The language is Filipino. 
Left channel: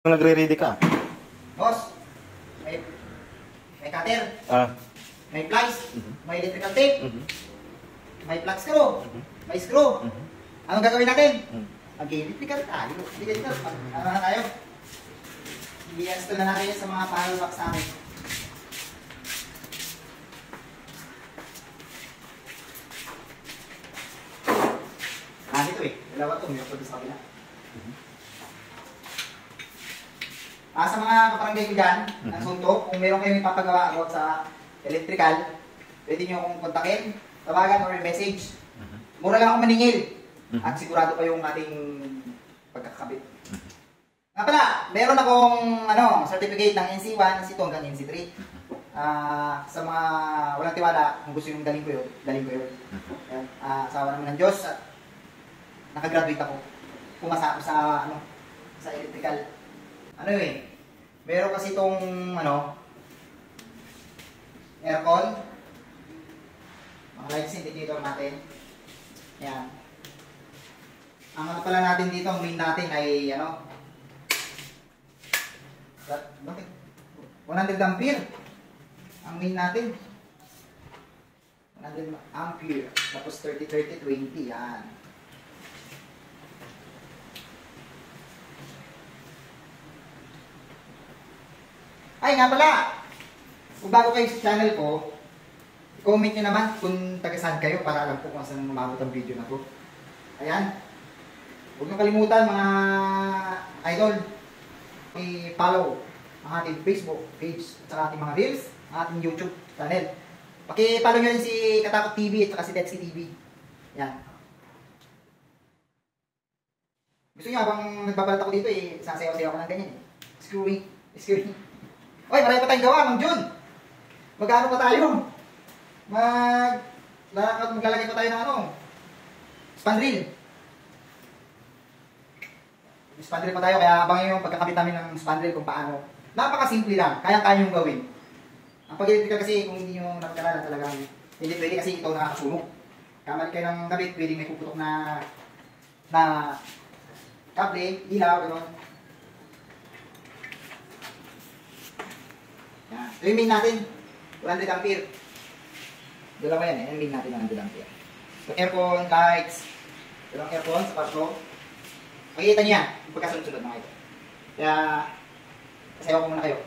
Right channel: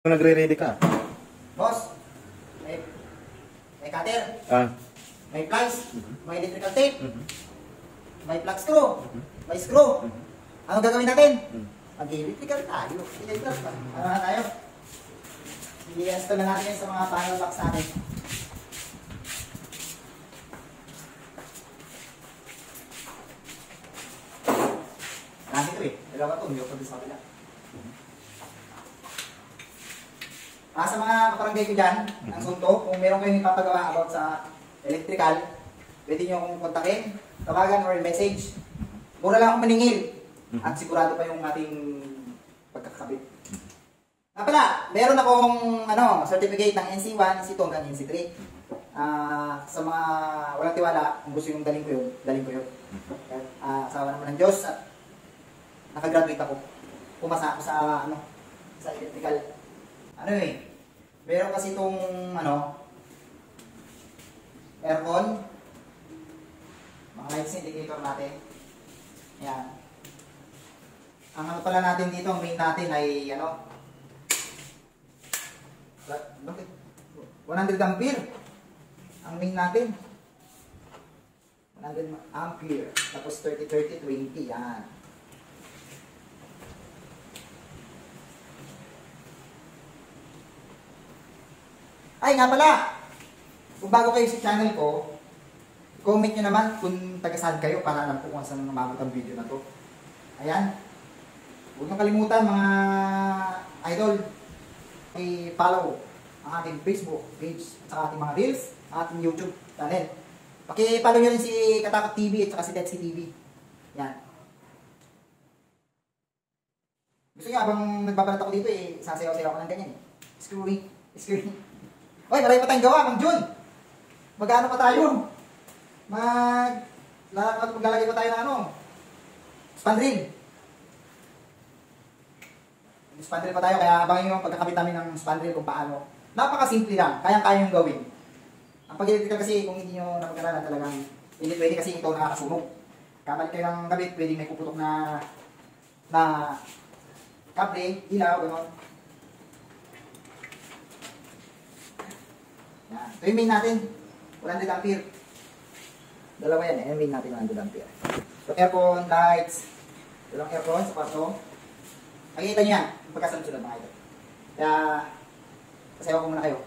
Nagre-ready ka. Boss, may cutter, Ah. may plies, may electrical tape, may plug screw, may screw. Anong gagawin natin? Mag-electrical tayo. Ano na tayo? I-install na natin sa mga panel box natin. Ito eh. Dalawa ito. May upload sa kabila. Sa mga kaparangay ko dyan, ng suntok, kung meron kayong ipapagawa about sa electrical, pwede nyo akong kontakin, tawagan or message. Mura lang akong maningil. At sigurado pa yung ating pagkakabit. Nga pala, meron akong certificate ng NC1, NC2 hanggang NC3. Sa mga walang tiwala, kung gusto yung daling ko yun. Asawa naman ng Diyos at nakagraduate ako. Pumasa ako sa electrical. Meron kasi itong aircon. Mga lights indicator natin. Yan. Ang pala natin dito, ang main natin ay bakit? 100 ampere. Ang main natin. 100 ampere. Tapos 30-30-20. Yan. Ay nga pala, kung bago kayo sa channel ko, comment nyo naman kung taga-saan kayo para alam ko kung saan umabot ang video na to. Ayan. Huwag nyo kalimutan mga idol, i-follow ang ating Facebook page at ating mga reels, ang ating YouTube channel. Paki-follow nyo rin si Katakot TV at saka si Tetsky TV. Yan. Gusto nyo habang nagbabalat ako dito sasayaw-sayaw ako ng ganyan Screwy. Oy, marami pa tayong gawa, Kang Jun. Mag-ano pa tayo? Maglalagay pa tayo ng spandrel. Spandrel pa tayo, kaya abangan yung pagkakabit namin ng spandrel kung paano. Napakasimple lang, kayang-kaya yung gawin. Ang pag-electrical kasi, kung hindi nyo napagkalala talagang, hindi pwede kasi ito nakakasunog. Kamali kayo ng gamit, pwede may puputok na kable, ilaw, gano'n. Yan. Ito yung main natin, 100 ampere. Dalawa yan, yung main natin 100 ampere. So, aircon, lights, dalawang aircon sa kwarto. Makikita nyo yan, pagkasunod-sunod mga ito. Kaya, pasayaw ko muna kayo.